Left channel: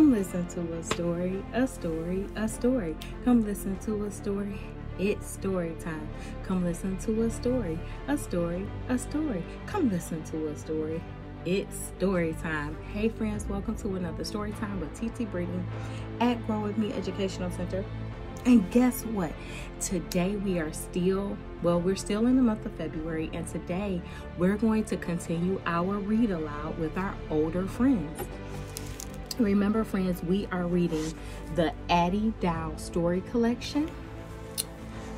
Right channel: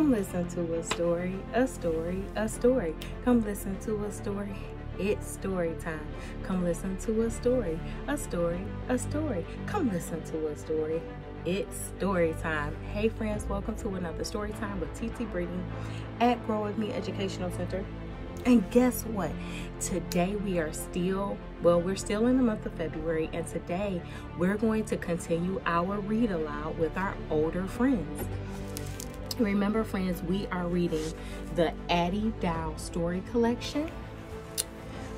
Come listen to a story, a story, a story. Come listen to a story. It's story time. Come listen to a story, a story, a story. Come listen to a story. It's story time. Hey friends, welcome to another story time with TT Brittany at Grow With Me Educational Center. And guess what? Today we're still in the month of February, and today we're going to continue our read aloud with our older friends. Remember friends, we are reading the Addy story collection.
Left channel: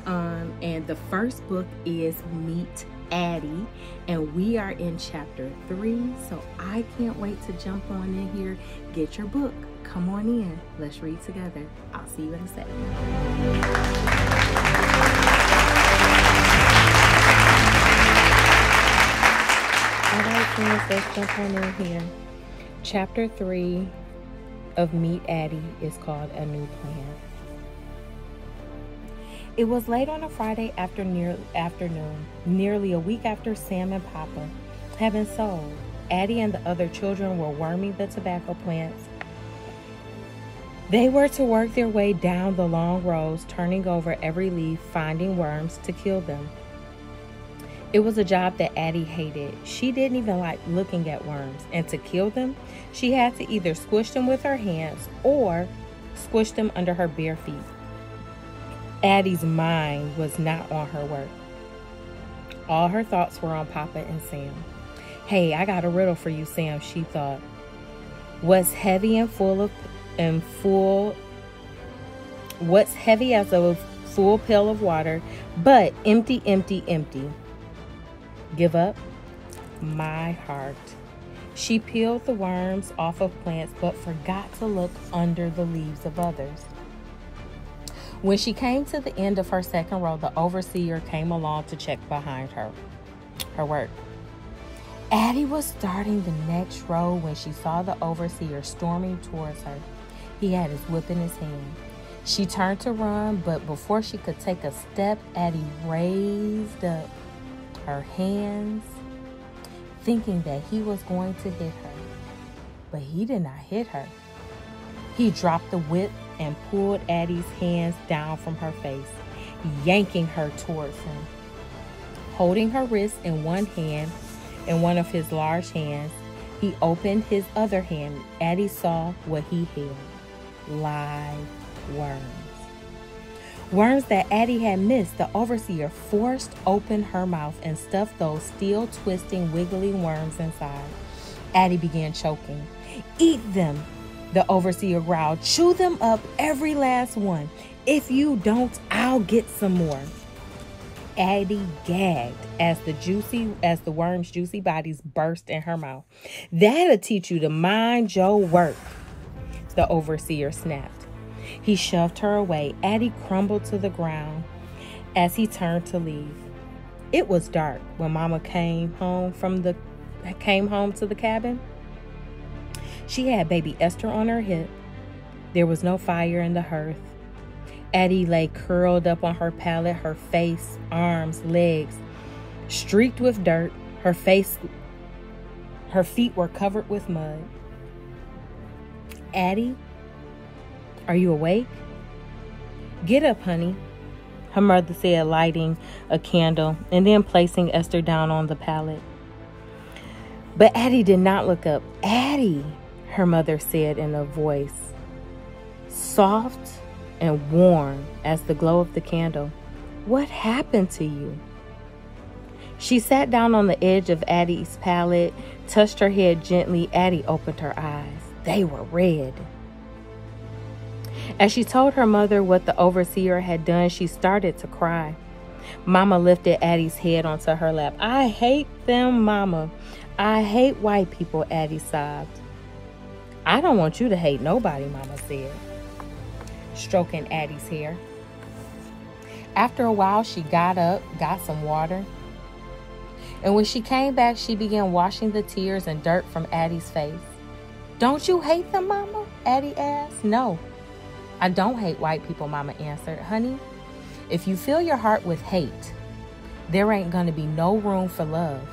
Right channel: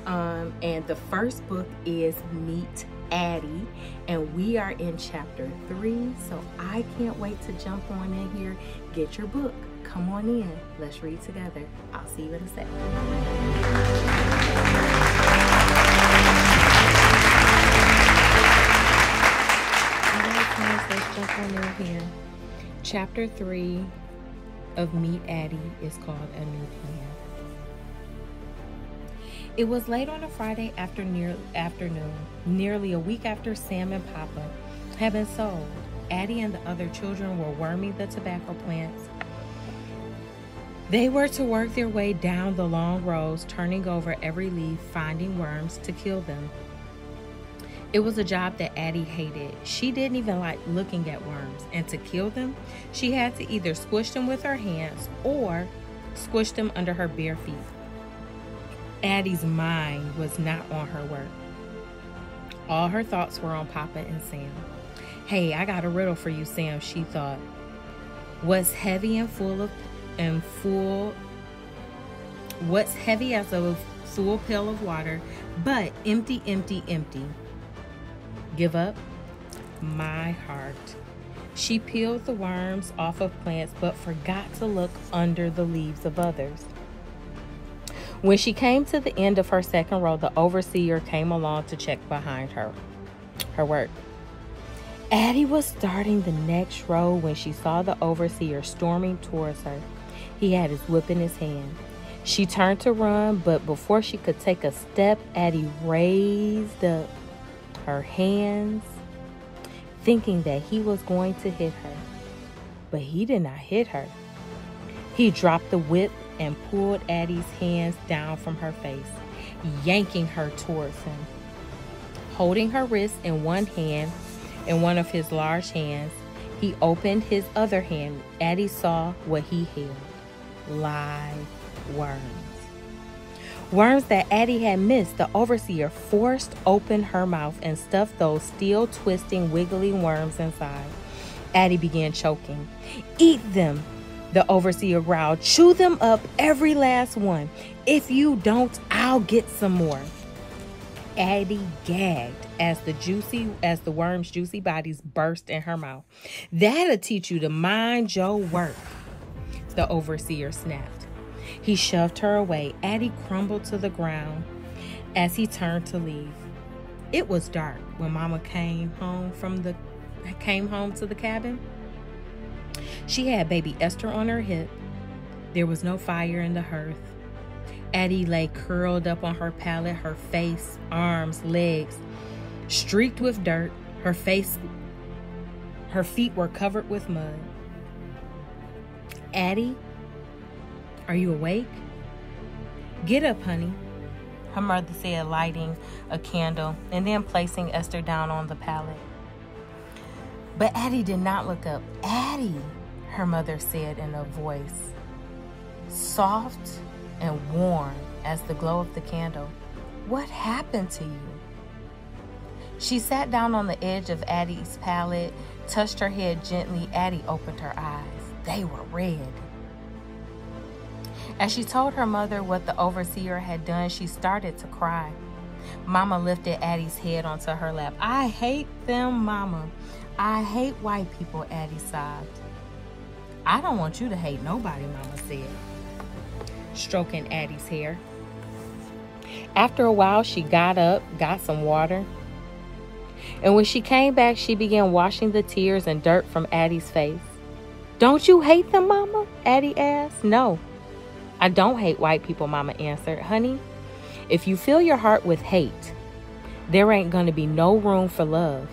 And the first book is Meet Addy, and we are in chapter 3. So I can't wait to jump on in here. Get your book. Come on in. Let's read together. I'll see you in a second. Alright friends, let's jump on in here. Chapter 3 of Meet Addy is called A New Plan. It was late on a Friday afternoon, nearly a week after Sam and Papa had been sold. Addy and the other children were worming the tobacco plants. They were to work their way down the long rows, turning over every leaf, finding worms to kill them. It was a job that Addy hated. She didn't even like looking at worms, and to kill them, she had to either squish them with her hands or squish them under her bare feet. Addy's mind was not on her work. All her thoughts were on Papa and Sam. Hey, I got a riddle for you, Sam, she thought. What's heavy as a full pail of water, but empty, empty, empty? Give up? My heart. She peeled the worms off of plants, but forgot to look under the leaves of others. When she came to the end of her second row, the overseer came along to check behind her work. Addy was starting the next row when she saw the overseer storming towards her. He had his whip in his hand. She turned to run, but before she could take a step, Addy raised up her hands, thinking that he was going to hit her. But he did not hit her. He dropped the whip and pulled Addy's hands down from her face, yanking her towards him. Holding her wrist in one hand, in one of his large hands, he opened his other hand. Addy saw what he held: live worms. Worms that Addy had missed. The overseer forced open her mouth and stuffed those still twisting, wiggling worms inside. Addy began choking. Eat them, the overseer growled. Chew them up, every last one. If you don't, I'll get some more. Addy gagged as the worms' juicy bodies burst in her mouth. That'll teach you to mind your work, the overseer snapped. He shoved her away. Addy crumbled to the ground as he turned to leave. It was dark when Mama came home to the cabin. She had baby Esther on her hip. There was no fire in the hearth. Addy lay curled up on her pallet, her face, arms, legs streaked with dirt. Her feet were covered with mud. Addy, are you awake? Get up, honey, her mother said, lighting a candle and then placing Esther down on the pallet. But Addy did not look up. Addy, her mother said in a voice soft and warm as the glow of the candle. What happened to you? She sat down on the edge of Addy's pallet, touched her head gently. Addy opened her eyes. They were red. As she told her mother what the overseer had done, she started to cry. Mama lifted Addy's head onto her lap. I hate them, Mama. I hate white people, Addy sobbed. I don't want you to hate nobody, Mama said, stroking Addy's hair. After a while, she got up, got some water, and when she came back, she began washing the tears and dirt from Addy's face. Don't you hate them, Mama? Addy asked. No, I don't hate white people, Mama answered. Honey, if you fill your heart with hate, there ain't going to be no room for love.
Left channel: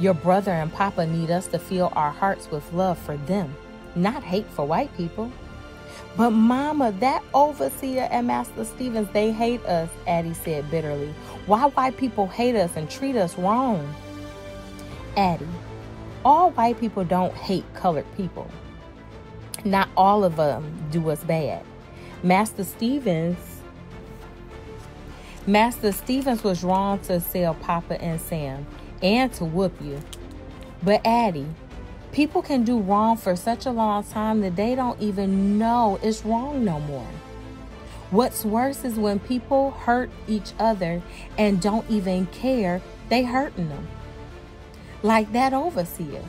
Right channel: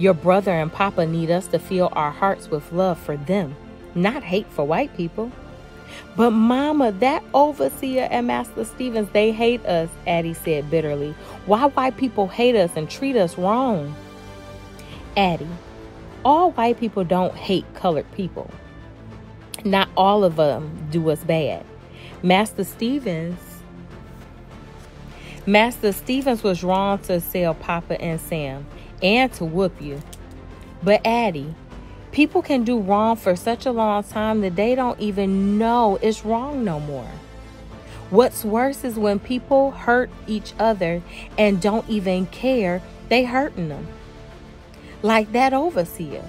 Your brother and Papa need us to fill our hearts with love for them, not hate for white people. But Mama, that overseer and Master Stevens, they hate us, Addie said bitterly. Why white people hate us and treat us wrong? Addie, all white people don't hate colored people. Not all of them do us bad. Master Stevens was wrong to sell Papa and Sam and to whoop you. But Addie, people can do wrong for such a long time that they don't even know it's wrong no more. What's worse is when people hurt each other and don't even care they hurting them. Like that overseer.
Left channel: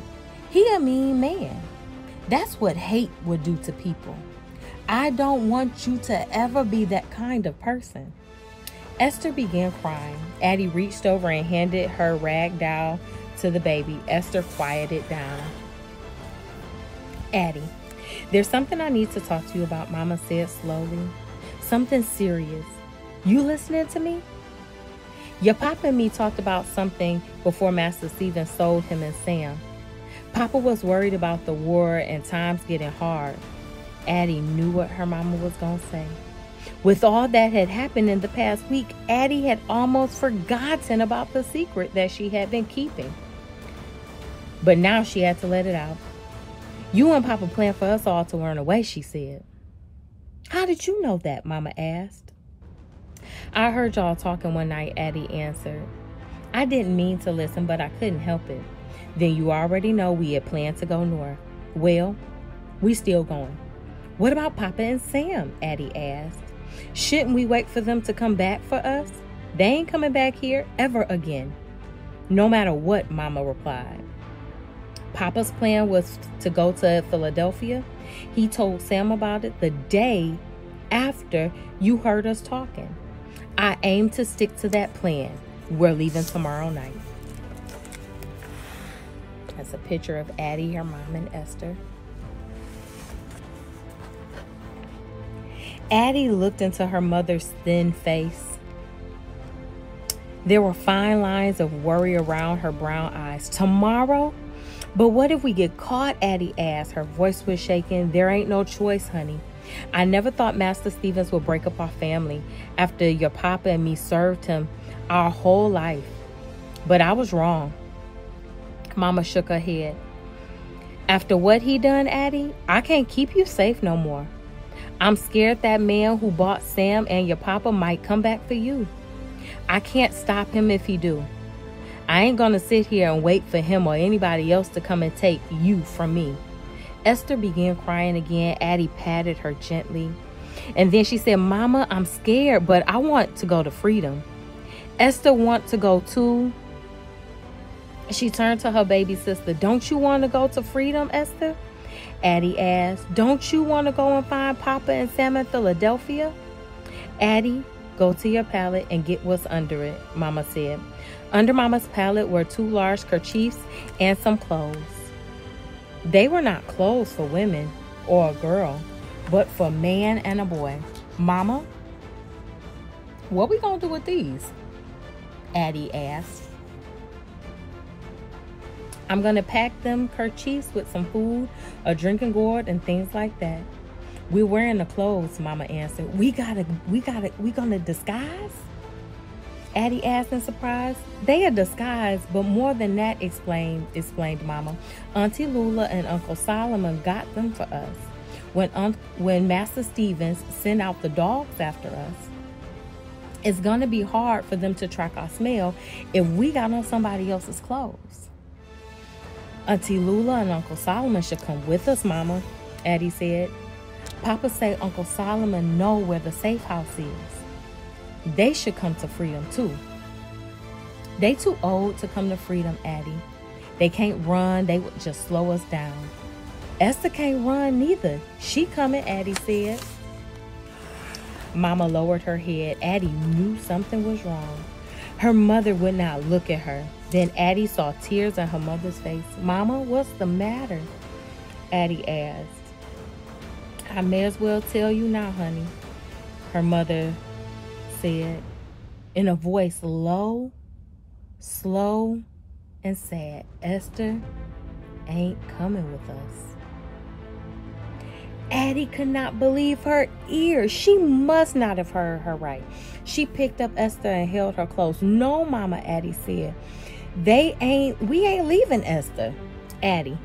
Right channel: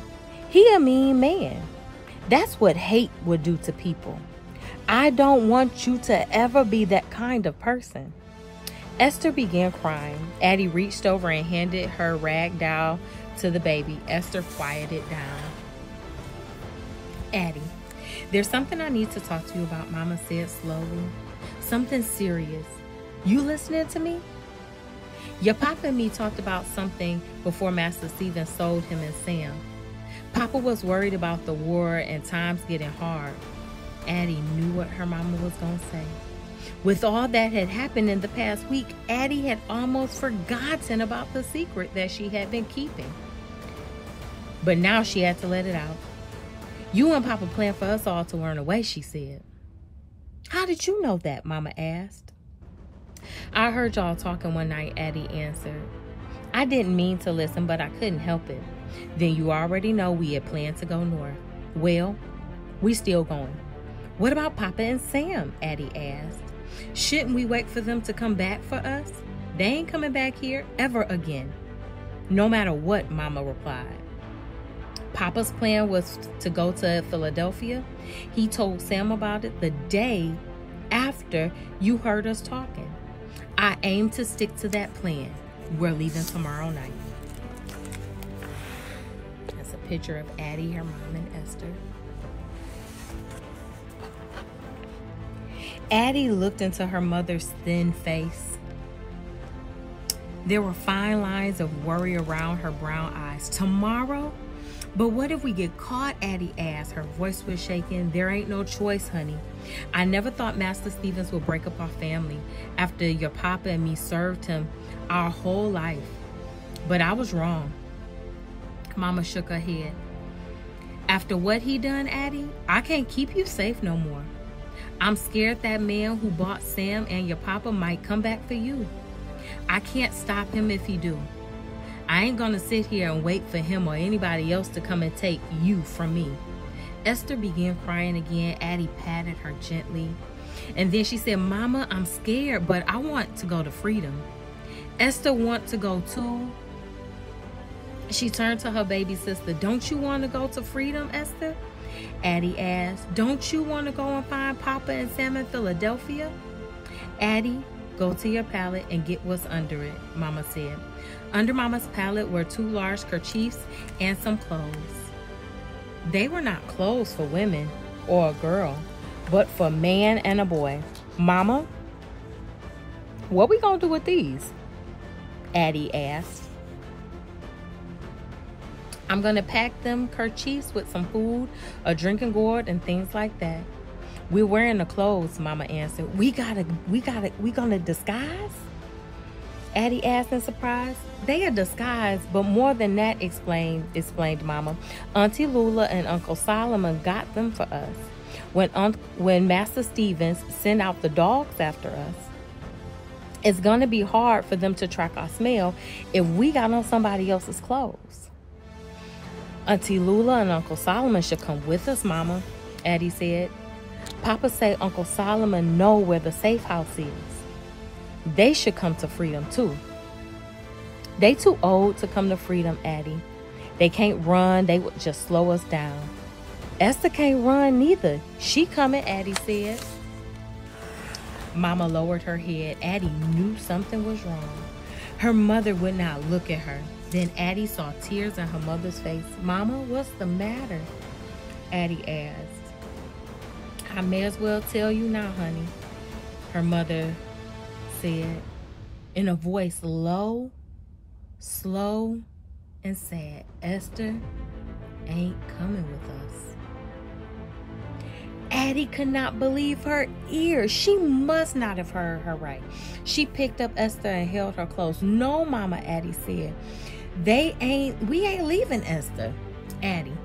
He a mean man. That's what hate would do to people. I don't want you to ever be that kind of person. Esther began crying. Addie reached over and handed her rag doll to the baby. Esther quieted down. Addie, there's something I need to talk to you about, Mama said slowly. Something serious. You listening to me? Your Papa and me talked about something before Master Stevens sold him and Sam. Papa was worried about the war and times getting hard. Addie knew what her mama was going to say. With all that had happened in the past week, Addie had almost forgotten about the secret that she had been keeping. But now she had to let it out. You and Papa planned for us all to run away, she said. How did you know that? Mama asked. I heard y'all talking one night, Addie answered. I didn't mean to listen, but I couldn't help it. Then you already know we had planned to go north. Well, we still going. What about Papa and Sam? Addie asked. Shouldn't we wait for them to come back for us? They ain't coming back here ever again. No matter what, Mama replied. Papa's plan was to go to Philadelphia. He told Sam about it the day after you heard us talking. I aim to stick to that plan. We're leaving tomorrow night. That's a picture of Addie, her mom, and Esther. Addie looked into her mother's thin face. There were fine lines of worry around her brown eyes. Tomorrow? But what if we get caught? Addie asked. Her voice was shaking. There ain't no choice, honey. I never thought Master Stevens would break up our family after your Papa and me served him our whole life. But I was wrong. Mama shook her head. After what he done, Addie, I can't keep you safe no more. I'm scared that man who bought Sam and your Papa might come back for you. I can't stop him if he do. I ain't gonna sit here and wait for him or anybody else to come and take you from me. Esther began crying again. Addie patted her gently. And then she said, Mama, I'm scared, but I want to go to freedom. Esther want to go too. She turned to her baby sister. Don't you want to go to freedom, Esther? Addie asked. Don't you want to go and find Papa and Sam in Philadelphia? Addie, go to your pallet and get what's under it, Mama said. Under Mama's pallet were 2 large kerchiefs and some clothes. They were not clothes for women or a girl, but for a man and a boy. Mama, what we gonna do with these? Addie asked. I'm gonna pack them kerchiefs with some food, a drinking gourd, and things like that. We're wearing the clothes, Mama answered. We gonna disguise? Addie asked in surprise. They are disguised, but more than that, explained Mama. Auntie Lula and Uncle Solomon got them for us. When Master Stevens sent out the dogs after us, it's gonna be hard for them to track our smell if we got on somebody else's clothes. Auntie Lula and Uncle Solomon should come with us, Mama, Addie said. Papa say Uncle Solomon know where the safe house is. They should come to freedom too. They too old to come to freedom, Addie. They can't run. They would just slow us down. Esther can't run neither. She coming, Addie said. Mama lowered her head. Addie knew something was wrong. Her mother would not look at her. Then Addie saw tears on her mother's face. Mama, what's the matter? Addie asked. I may as well tell you now, honey, her mother said in a voice low, slow, and sad. Esther ain't coming with us. Addie could not believe her ears. She must not have heard her right. She picked up Esther and held her close. "No, Mama," Addie said. We ain't leaving Esther." "Addie,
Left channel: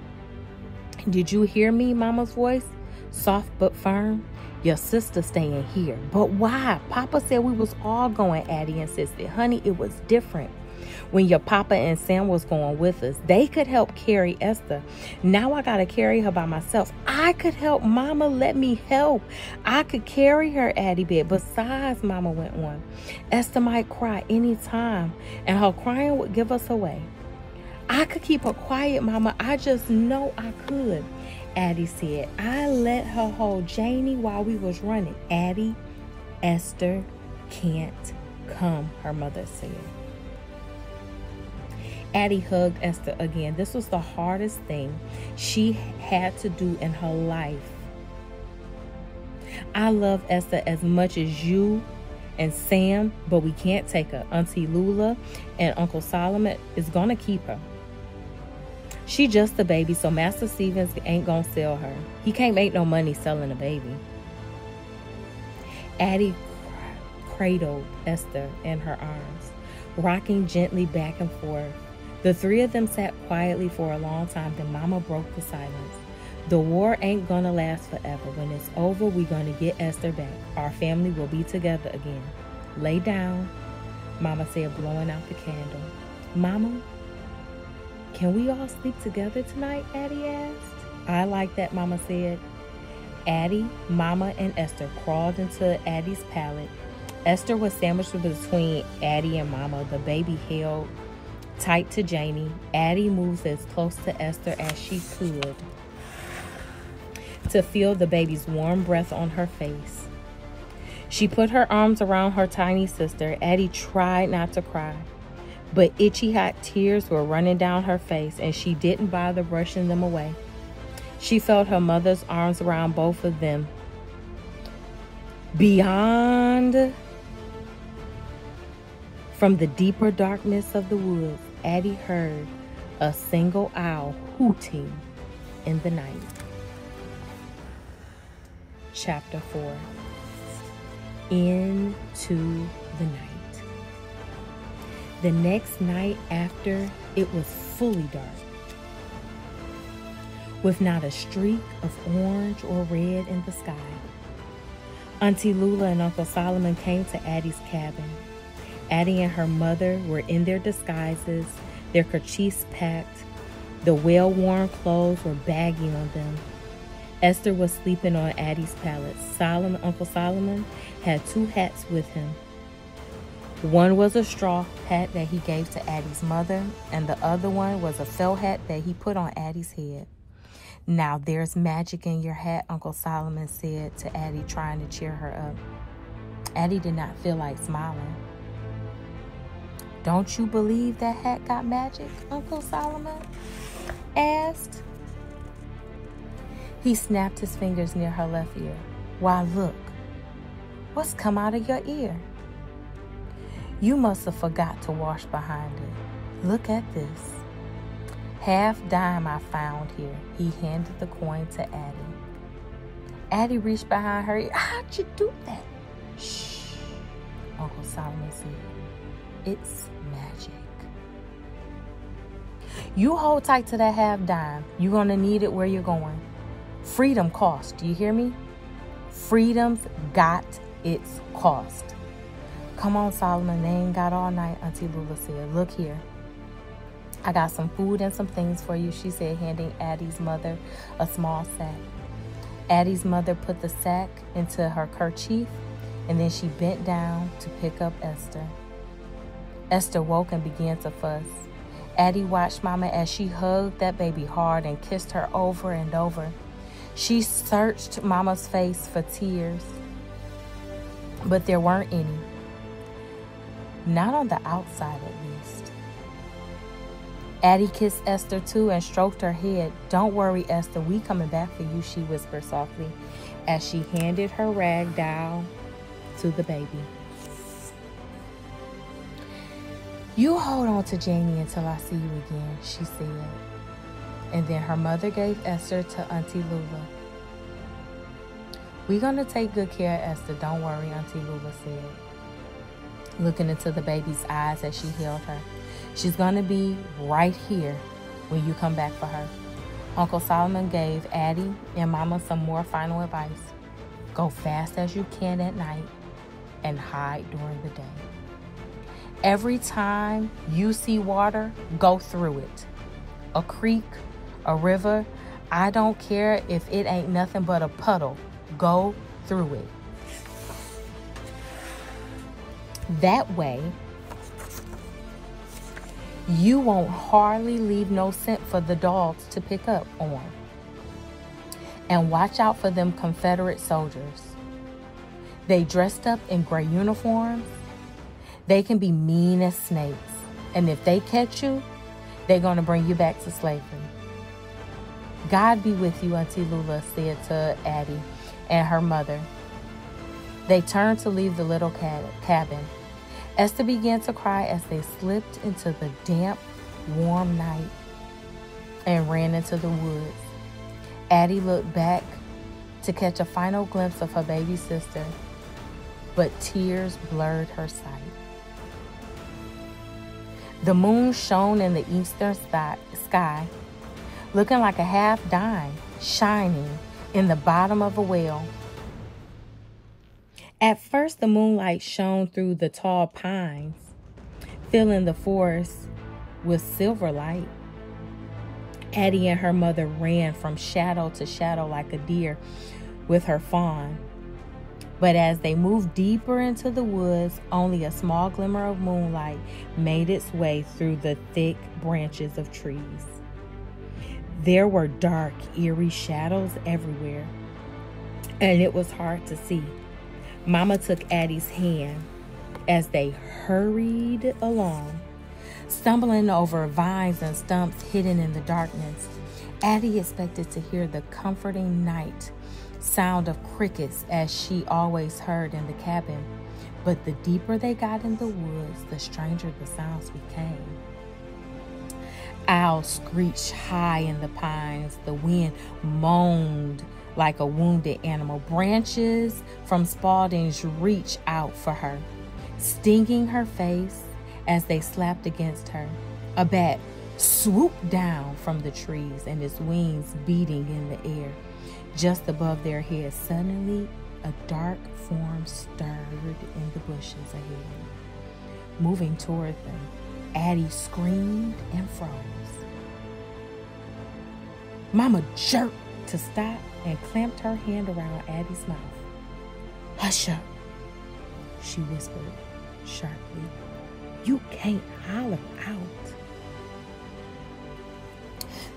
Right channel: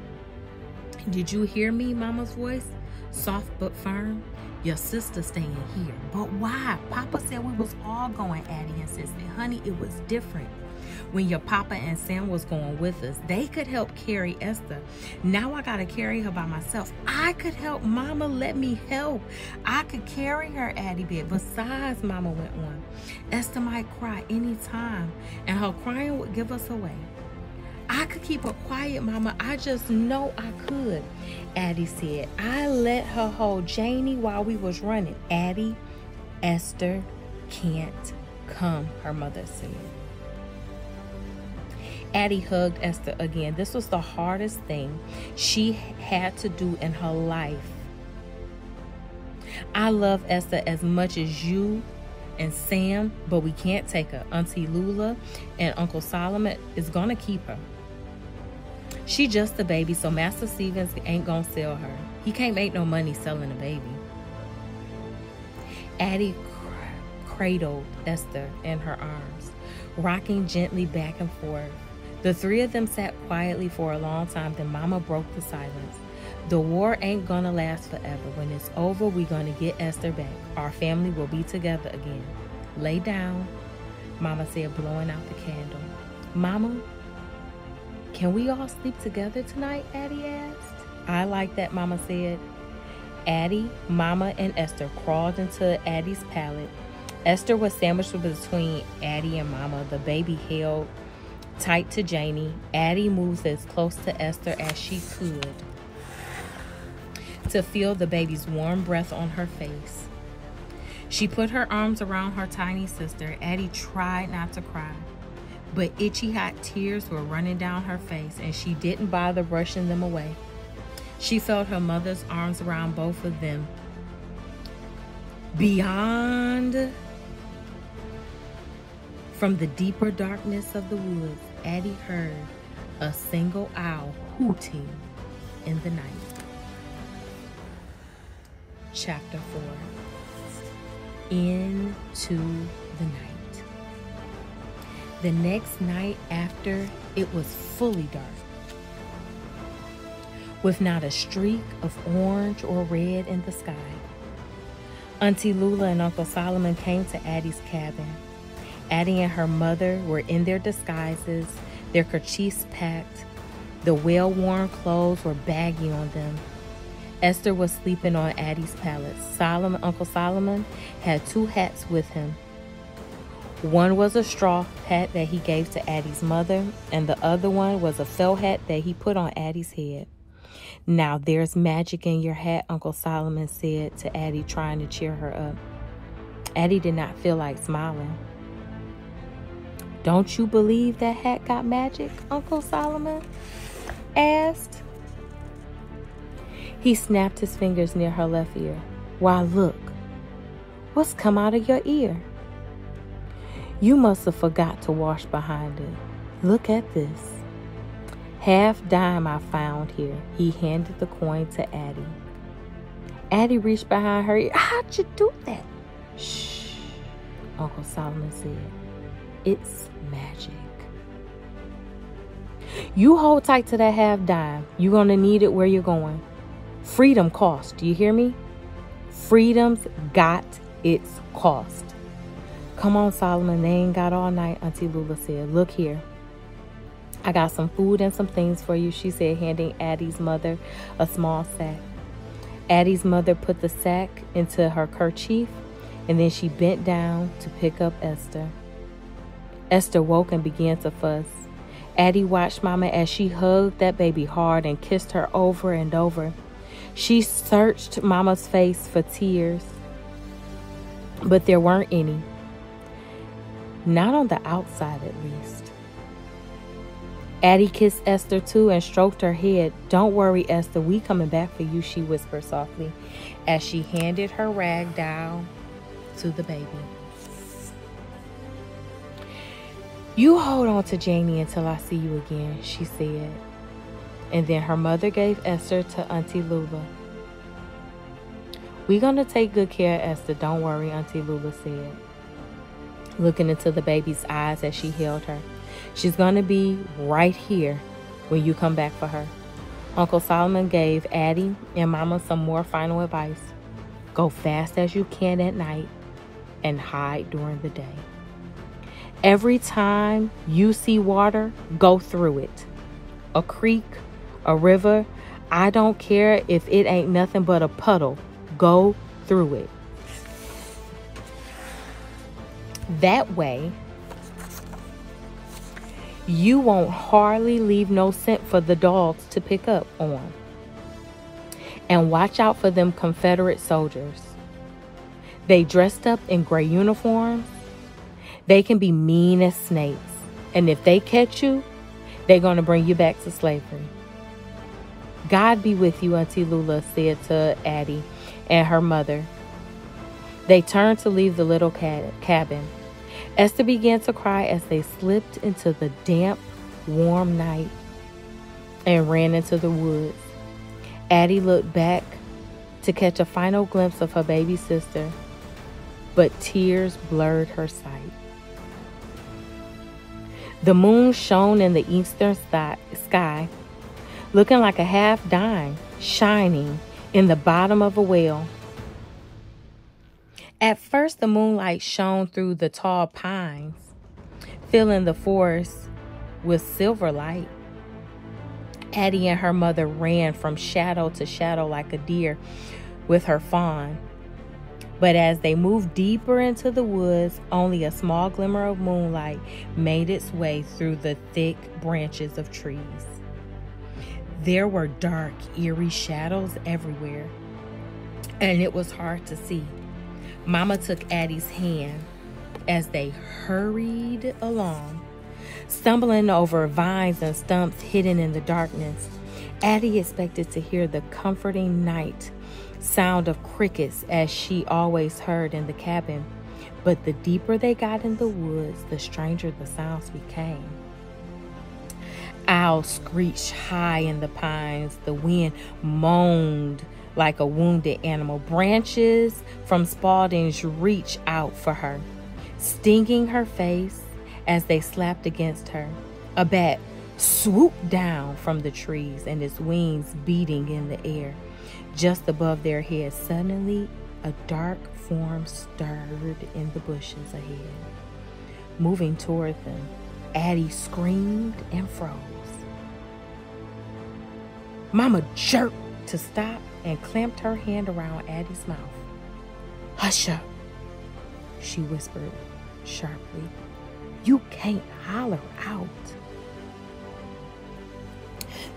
did you hear me?" Mama's voice, soft but firm. "Your sister staying here." "But why? Papa said we was all going," Addie insisted. "Honey, it was different when your papa and Sam was going with us. They could help carry Esther. Now I gotta carry her by myself." "I could help, Mama. Let me help. I could carry her," Addie begged. "Besides," Mama went on, "Esther might cry any time, and her crying would give us away." "I could keep her quiet, Mama. I just know I could," Addie said. "I let her hold Janie while we was running." "Addie, Esther can't come," her mother said. Addie hugged Esther again. This was the hardest thing she had to do in her life. "I love Esther as much as you and Sam, but we can't take her. Auntie Lula and Uncle Solomon is gonna keep her. She just a baby, so Master Stevens ain't gonna sell her. He can't make no money selling a baby." Addie cradled Esther in her arms, rocking gently back and forth. The three of them sat quietly for a long time. Then Mama broke the silence. "The war ain't gonna last forever. When it's over, we're gonna get Esther back. Our family will be together again. Lay down," Mama said, blowing out the candle. "Mama, can we all sleep together tonight?" Addie asked. "I like that," Mama said. Addie, Mama, and Esther crawled into Addie's pallet. Esther was sandwiched between Addie and Mama. The baby held tight to Janie. Addie moved as close to Esther as she could to feel the baby's warm breath on her face. She put her arms around her tiny sister. Addie tried not to cry, but itchy hot tears were running down her face, and she didn't bother brushing them away. She felt her mother's arms around both of them. Beyond, from the deeper darkness of the woods, Addie heard a single owl hooting in the night. Chapter 4. Into the night. The next night after, it was fully dark, with not a streak of orange or red in the sky. Auntie Lula and Uncle Solomon came to Addie's cabin. Addie and her mother were in their disguises, their kerchiefs packed. The well-worn clothes were baggy on them. Esther was sleeping on Addie's pallet. Uncle Solomon had 2 hats with him. One was a straw hat that he gave to Addie's mother, and the other one was a felt hat that he put on Addie's head. "Now there's magic in your hat," Uncle Solomon said to Addie, trying to cheer her up. Addie did not feel like smiling. "Don't you believe that hat got magic?" Uncle Solomon asked. He snapped his fingers near her left ear. "Why, look. What's come out of your ear? You must have forgot to wash behind it. Look at this. $half-dime I found here." He handed the coin to Addie. Addie reached behind her ear. "How'd you do that?" "Shh," Uncle Solomon said. "It's magic. You hold tight to that $half-dime. You're going to need it where you're going. Freedom costs. Do you hear me? Freedom's got its cost." "Come on, Solomon. They ain't got all night," Auntie Lula said. "Look here. I got some food and some things for you," she said, handing Addie's mother a small sack. Addie's mother put the sack into her kerchief, and then she bent down to pick up Esther. Esther woke and began to fuss. Addie watched Mama as she hugged that baby hard and kissed her over and over. She searched Mama's face for tears, but there weren't any. Not on the outside, at least. Addie kissed Esther too and stroked her head. "Don't worry, Esther, we coming back for you," she whispered softly as she handed her rag doll to the baby. "You hold on to Janie until I see you again," she said. And then her mother gave Esther to Auntie Lula. We're going to take good care of Esther. Don't worry, Auntie Lula said, looking into the baby's eyes as she held her. She's going to be right here when you come back for her. Uncle Solomon gave Addy and Mama some more final advice. Go fast as you can at night and hide during the day. Every time you see water, go through it. A creek, a river, I don't care if it ain't nothing but a puddle. Go through it. That way, you won't hardly leave no scent for the dogs to pick up on. And watch out for them Confederate soldiers. They dressed up in gray uniforms. They can be mean as snakes. And if they catch you, they're going to bring you back to slavery. God be with you, Auntie Lula said to Addy and her mother. They turned to leave the little cabin. Esther began to cry as they slipped into the damp, warm night and ran into the woods. Addy looked back to catch a final glimpse of her baby sister, but tears blurred her sight. The moon shone in the eastern sky, looking like a half dime shining in the bottom of a well. At first, the moonlight shone through the tall pines, filling the forest with silver light. Addy and her mother ran from shadow to shadow like a deer with her fawn. But as they moved deeper into the woods, only a small glimmer of moonlight made its way through the thick branches of trees. There were dark, eerie shadows everywhere, and it was hard to see. Mama took Addy's hand as they hurried along, stumbling over vines and stumps hidden in the darkness. Addy expected to hear the comforting night sound of crickets as she always heard in the cabin, but the deeper they got in the woods, the stranger the sounds became. Owls screeched high in the pines. The wind moaned like a wounded animal. Branches from Spalding's reached out for her, stinging her face as they slapped against her. A bat swooped down from the trees, and its wings beating in the air just above their heads. Suddenly, a dark form stirred in the bushes ahead. Moving toward them, Addy screamed and froze. Mama jerked to stop and clamped her hand around Addy's mouth. "Hush up," she whispered sharply. "You can't holler out."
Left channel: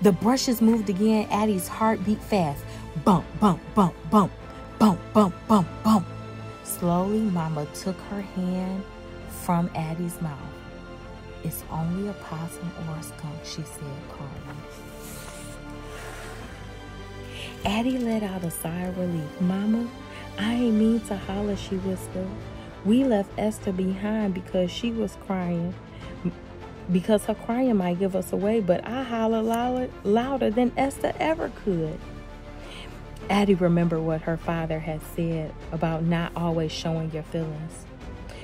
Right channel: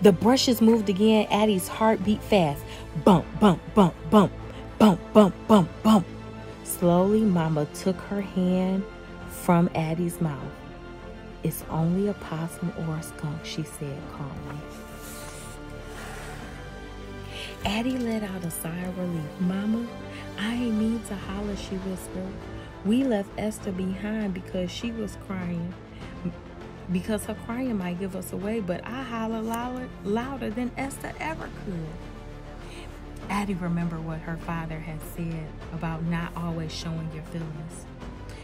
The brushes moved again. Addy's heart beat fast. Bump, bump, bump, bump, bump, bump, bump, bump. Slowly, Mama took her hand from Addy's mouth. "It's only a possum or a skunk," she said calmly. Addy let out a sigh of relief. "Mama, I ain't mean to holler," she whispered. "We left Esther behind because she was crying. Because her crying might give us away, but I hollered louder than Esther ever could." Addy remembered what her father had said about not always showing your feelings.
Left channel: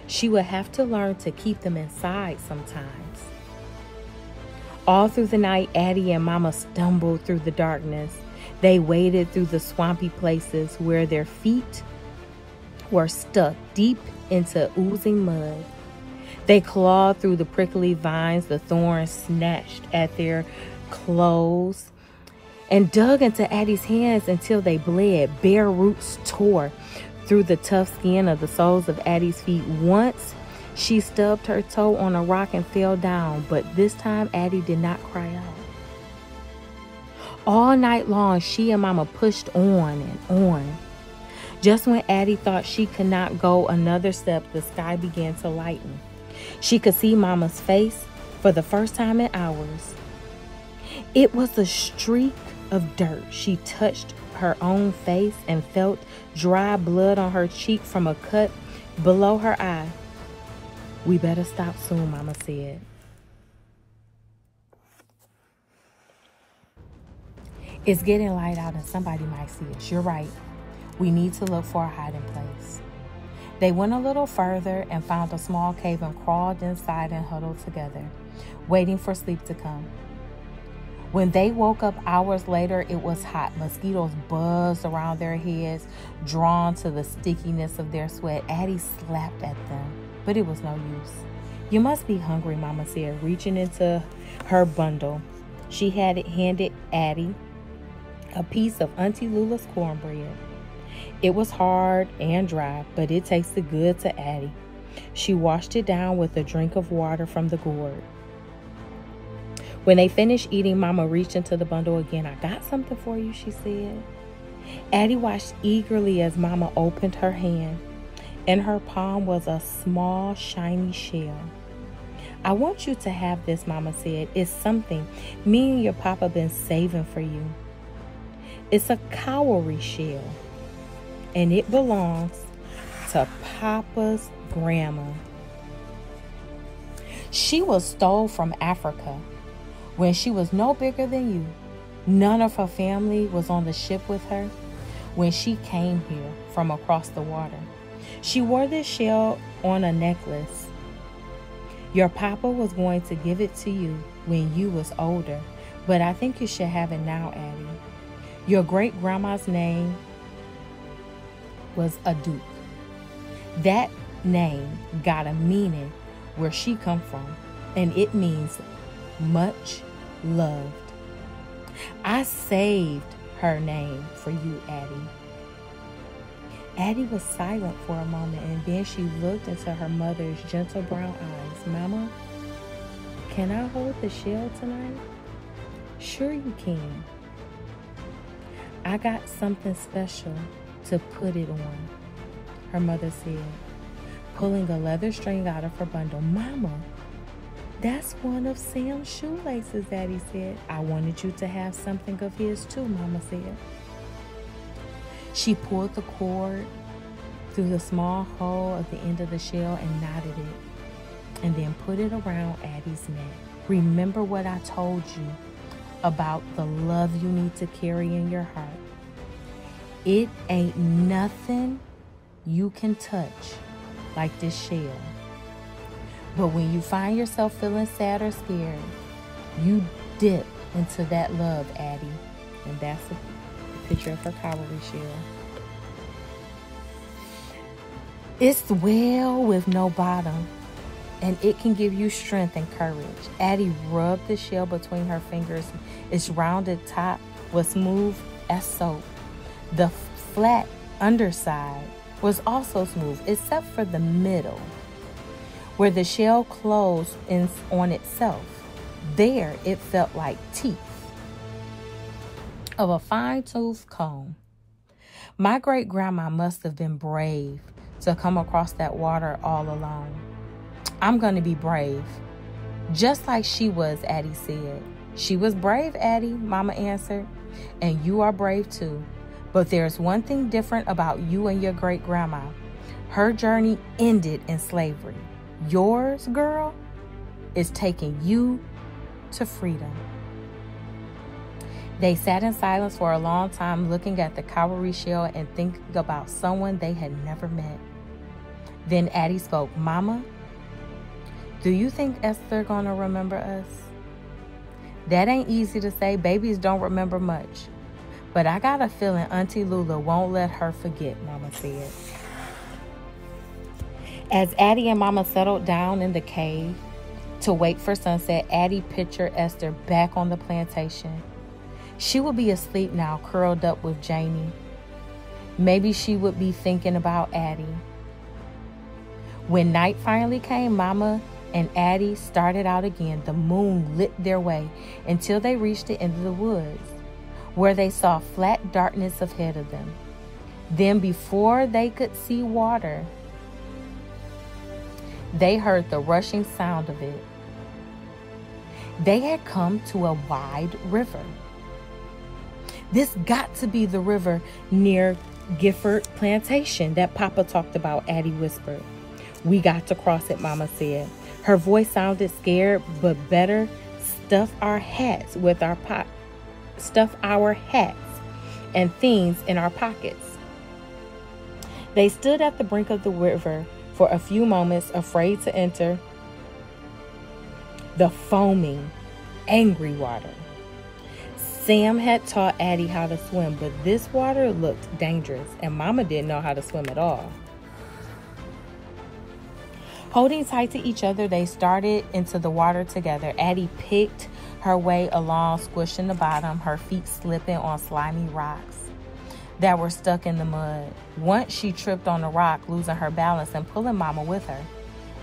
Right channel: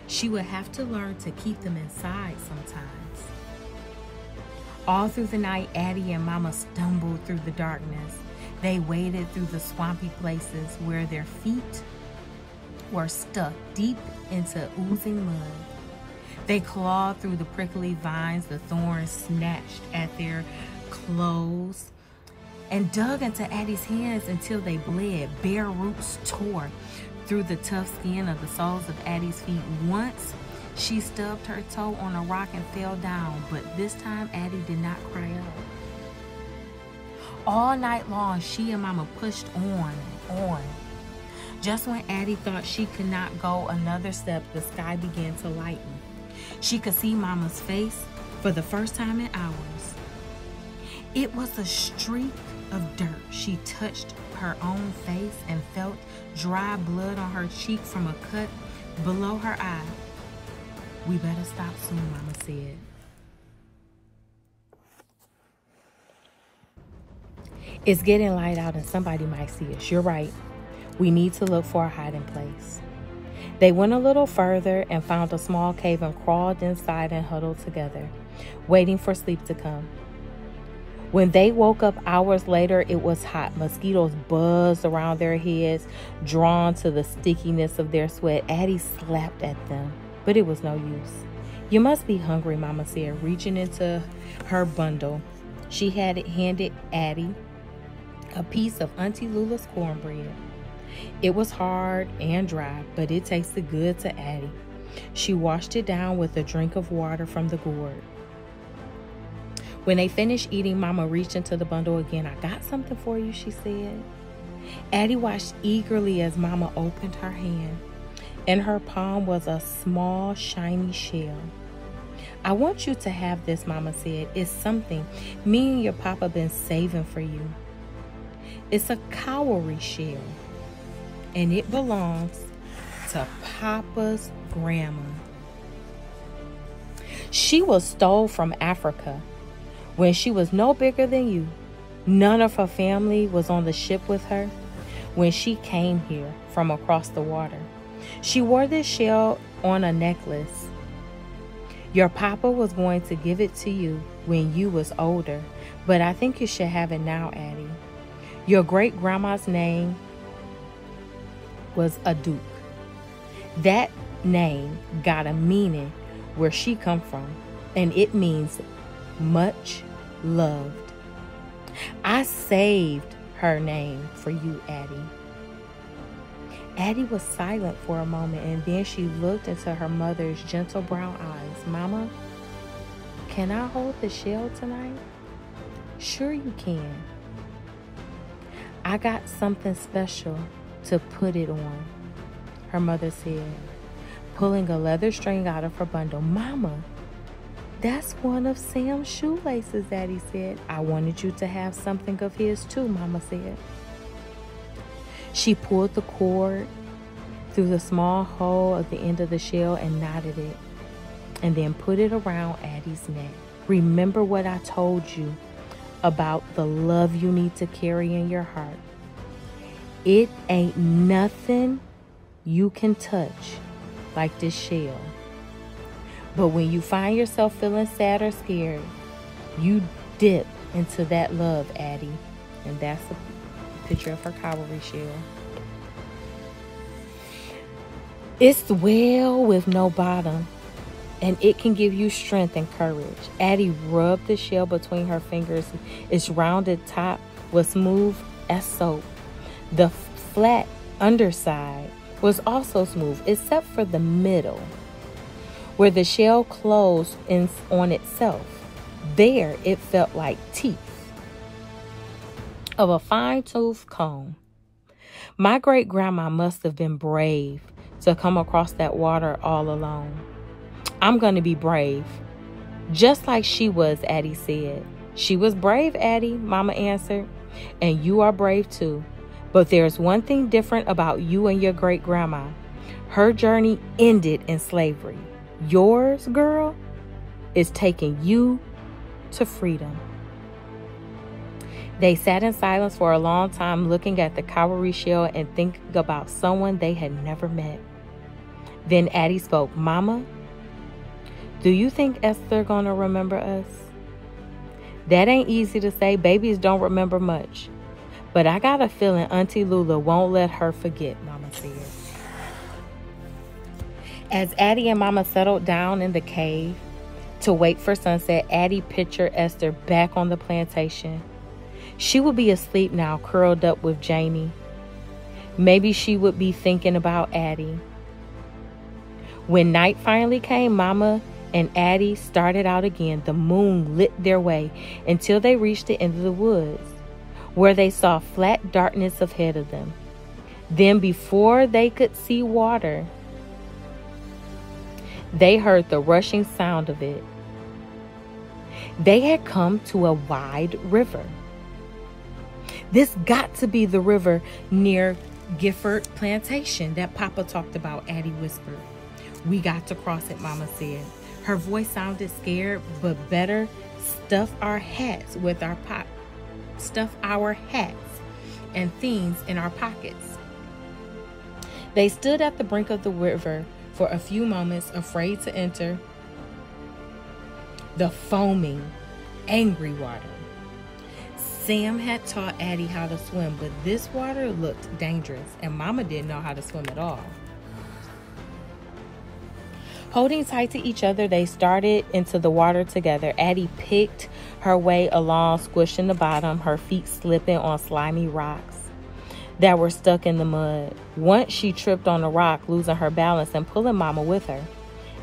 She would have to learn to keep them inside sometimes. All through the night, Addy and Mama stumbled through the darkness. They waded through the swampy places where their feet were stuck deep into oozing mud. They clawed through the prickly vines. The thorns snatched at their clothes and dug into Addy's hands until they bled. Bare roots tore through the tough skin of the soles of Addy's feet. Once, she stubbed her toe on a rock and fell down, but this time Addy did not cry out. All night long, she and Mama pushed on and on. Just when Addy thought she could not go another step, the sky began to lighten. She could see Mama's face for the first time in hours. It was a streak of dirt. She touched her own face and felt dry blood on her cheek from a cut below her eye. "We better stop soon," Mama said. "It's getting light out and somebody might see us." "You're right. We need to look for a hiding place. They went a little further and found a small cave and crawled inside and huddled together, waiting for sleep to come. When they woke up hours later, it was hot. Mosquitoes buzzed around their heads, drawn to the stickiness of their sweat. Addy slapped at them, but it was no use. "You must be hungry," Mama said, reaching into her bundle. She had handed Addy a piece of Auntie Lula's cornbread. It was hard and dry, but it tasted good to Addy. She washed it down with a drink of water from the gourd. When they finished eating, Mama reached into the bundle again. "I got something for you," she said. Addy watched eagerly as Mama opened her hand. In her palm was a small, shiny shell. "I want you to have this," Mama said. "It's something me and your papa been saving for you. It's a cowrie shell, and it belongs to Papa's grandma. She was stole from Africa when she was no bigger than you. None of her family was on the ship with her when she came here from across the water. She wore this shell on a necklace. Your papa was going to give it to you when you was older, but I think you should have it now, Addy. Your great-grandma's name was a duke. That name got a meaning where she come from, and it means much loved. I saved her name for you, Addy." Addy was silent for a moment, and then she looked into her mother's gentle brown eyes. "Mama, can I hold the shell tonight?" "Sure you can. I got something special to put it on," her mother said, pulling a leather string out of her bundle. "Mama, that's one of Sam's shoelaces," Addy said. "I wanted you to have something of his too," Mama said. She pulled the cord through the small hole at the end of the shell and knotted it, and then put it around Addy's neck. "Remember what I told you about the love you need to carry in your heart. It ain't nothing you can touch like this shell. But when you find yourself feeling sad or scared, you dip into that love, Addy." And that's a picture of her cowrie shell. "It's well with no bottom, and it can give you strength and courage." Addy rubbed the shell between her fingers. Its rounded top was smooth as soap. The flat underside was also smooth, except for the middle, where the shell closed in on itself. There, it felt like teeth of a fine-toothed comb. My great-grandma must have been brave to come across that water all alone. I'm going to be brave, just like she was, Addy said. "She was brave, Addy," Mama answered, "and you are brave too. But there's one thing different about you and your great-grandma. Her journey ended in slavery. Yours, girl, is taking you to freedom." They sat in silence for a long time, looking at the cowrie shell and thinking about someone they had never met. Then Addy spoke. "Mama, do you think Esther gonna remember us?" "That ain't easy to say. Babies don't remember much. But I got a feeling Auntie Lula won't let her forget," Mama said. As Addy and Mama settled down in the cave to wait for sunset, Addy pictured Esther back on the plantation. She would be asleep now, curled up with Jamie. Maybe she would be thinking about Addy. When night finally came, Mama and Addy started out again. The moon lit their way until they reached the end of the woods, where they saw flat darkness ahead of them. Then, before they could see water, they heard the rushing sound of it. They had come to a wide river. "This got to be the river near Gifford Plantation that Papa talked about," Addy whispered. "We got to cross it," Mama said. Her voice sounded scared, but better. Stuff our hats and things in our pockets. They stood at the brink of the river for a few moments, afraid to enter the foaming, angry water. Sam had taught Addy how to swim, but this water looked dangerous, and Mama didn't know how to swim at all. Holding tight to each other, they started into the water together. Addy picked her way along, squishing the bottom, her feet slipping on slimy rocks that were stuck in the mud. Once she tripped on a rock, losing her balance and pulling Mama with her.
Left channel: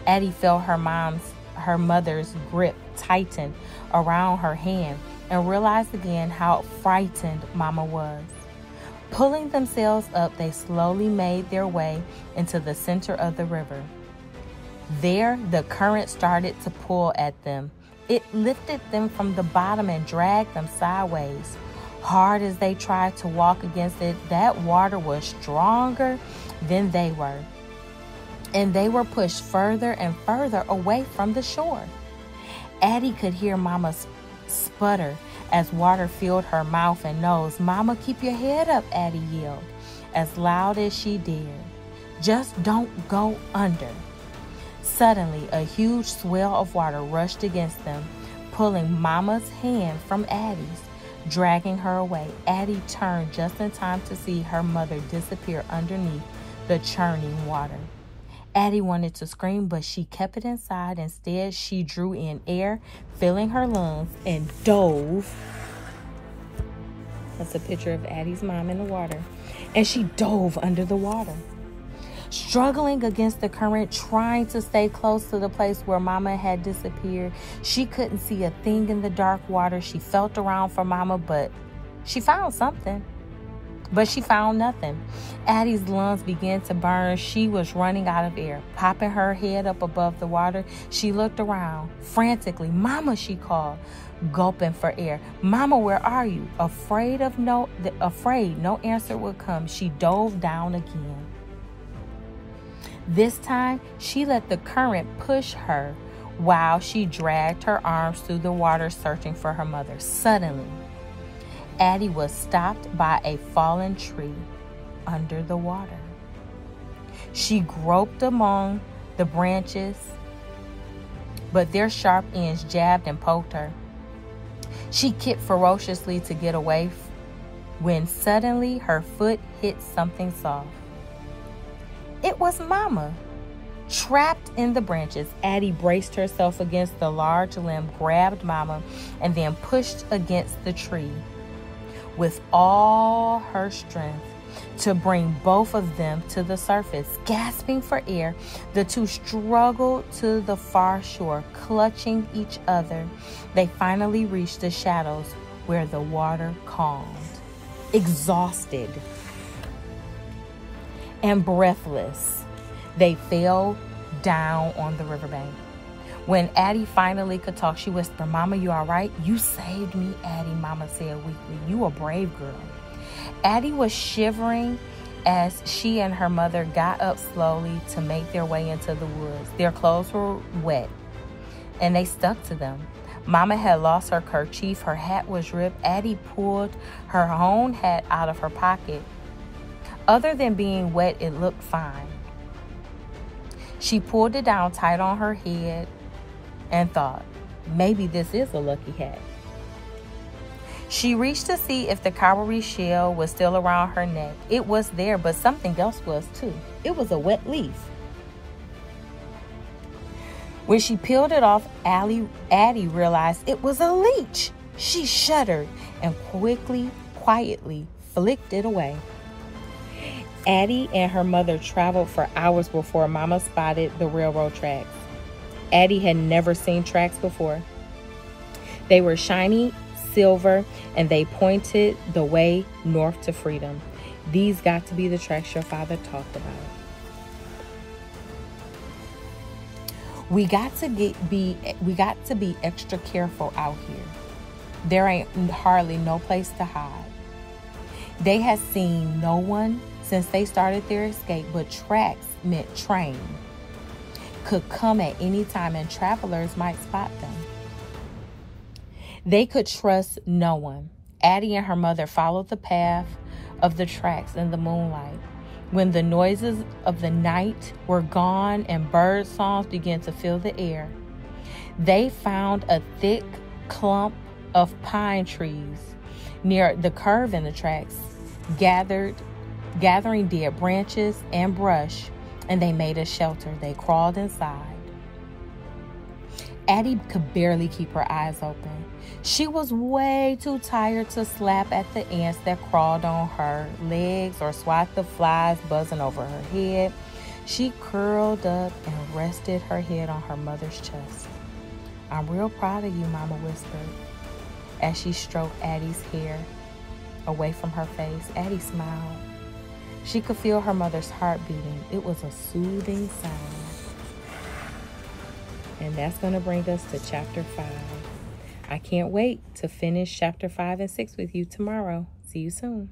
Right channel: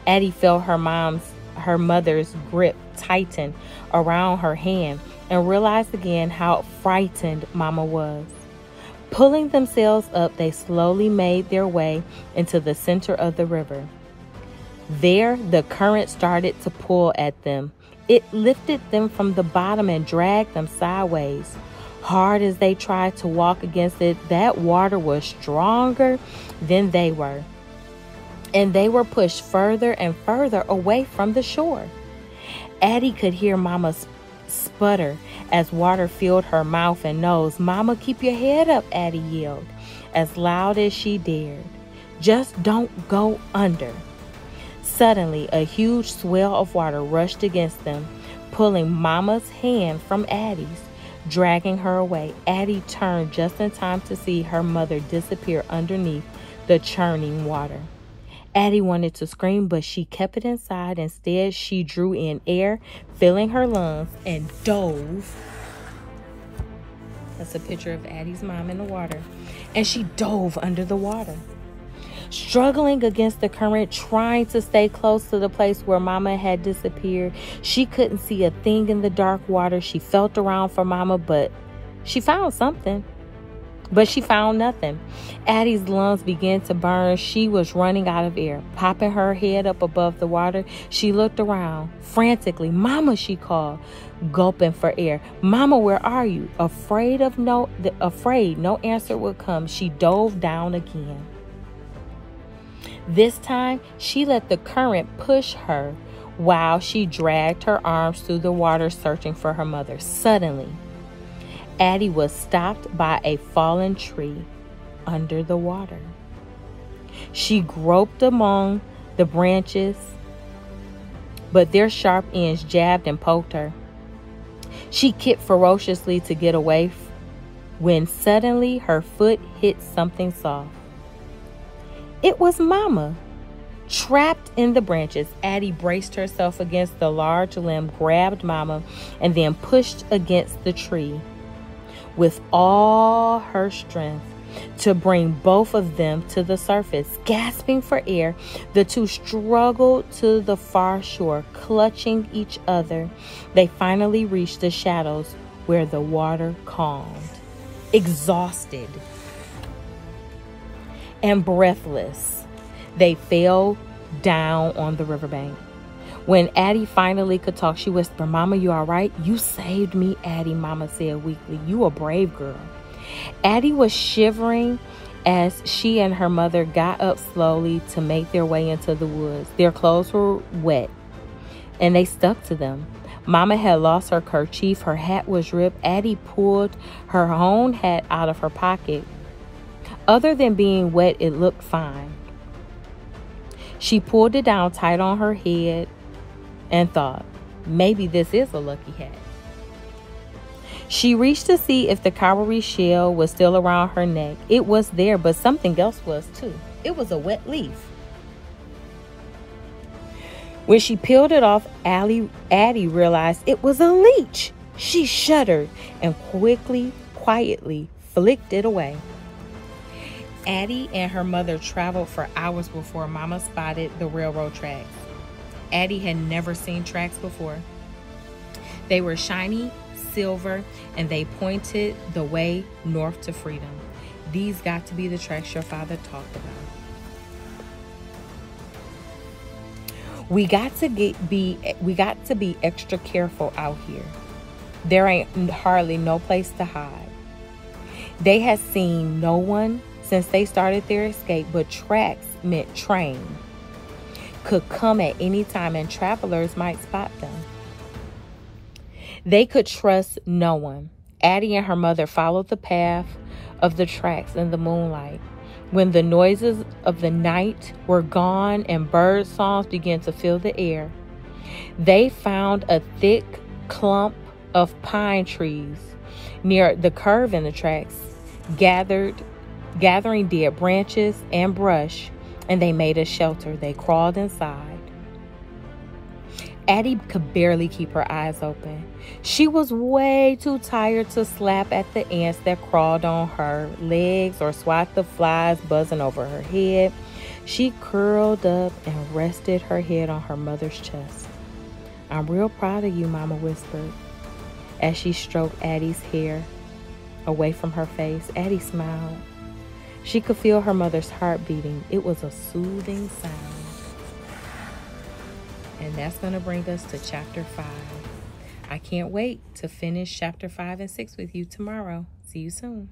Addy felt her mother's grip tighten around her hand and realized again how frightened Mama was. Pulling themselves up, they slowly made their way into the center of the river. There, the current started to pull at them. It lifted them from the bottom and dragged them sideways. Hard as they tried to walk against it, that water was stronger than they were, and they were pushed further and further away from the shore. Addy could hear Mama sputter as water filled her mouth and nose. "Mama, keep your head up," Addy yelled, as loud as she dared. "Just don't go under." Suddenly, a huge swell of water rushed against them, pulling Mama's hand from Addy's, dragging her away. Addy turned just in time to see her mother disappear underneath the churning water. Addy wanted to scream, but she kept it inside. Instead, she drew in air, filling her lungs, and dove. That's a picture of Addy's mom in the water. And she dove under the water. Struggling against the current, trying to stay close to the place where Mama had disappeared. She couldn't see a thing in the dark water. She felt around for Mama, but she found something. But she found nothing. Addy's lungs began to burn. She was running out of air. Popping her head up above the water, she looked around. Frantically, "Mama," she called, gulping for air. "Mama, where are you?" Afraid no answer would come, she dove down again. This time, she let the current push her while she dragged her arms through the water, searching for her mother. Suddenly, Addy was stopped by a fallen tree under the water. She groped among the branches, but their sharp ends jabbed and poked her. She kicked ferociously to get away when suddenly her foot hit something soft. It was Mama. Trapped in the branches, Addy braced herself against the large limb, grabbed Mama, and then pushed against the tree with all her strength to bring both of them to the surface. Gasping for air, the two struggled to the far shore, clutching each other. They finally reached the shadows where the water calmed. Exhausted and breathless, they fell down on the riverbank. When Addy finally could talk, she whispered, "Mama, you all right?" "You saved me, Addy," Mama said weakly. "You a brave girl." Addy was shivering as she and her mother got up slowly to make their way into the woods. Their clothes were wet, and they stuck to them. Mama had lost her kerchief. Her hat was ripped. Addy pulled her own hat out of her pocket. Other than being wet, it looked fine. She pulled it down tight on her head and thought, maybe this is a lucky hat. She reached to see if the cowrie shell was still around her neck. It was there, but something else was too. It was a wet leaf. When she peeled it off, Addy realized it was a leech. She shuddered and quietly flicked it away. Addy and her mother traveled for hours before Mama spotted the railroad tracks. Addy had never seen tracks before. They were shiny silver, and they pointed the way north to freedom. These got to be the tracks your father talked about. We got to be extra careful out here. There ain't hardly no place to hide. They had seen no one since they started their escape, but tracks meant train could come at any time and travelers might spot them. They could trust no one. Addy and her mother followed the path of the tracks in the moonlight. When the noises of the night were gone and bird songs began to fill the air, they found a thick clump of pine trees near the curve in the tracks, gathering dead branches and brush, and they made a shelter. They crawled inside. Addie could barely keep her eyes open. She was way too tired to slap at the ants that crawled on her legs or swat the flies buzzing over her head. She curled up and rested her head on her mother's chest. "I'm real proud of you," Mama whispered as she stroked Addie's hair away from her face. Addie smiled. She could feel her mother's heart beating. It was a soothing sound. And that's going to bring us to chapter 5. I can't wait to finish chapter 5 and 6 with you tomorrow. See you soon.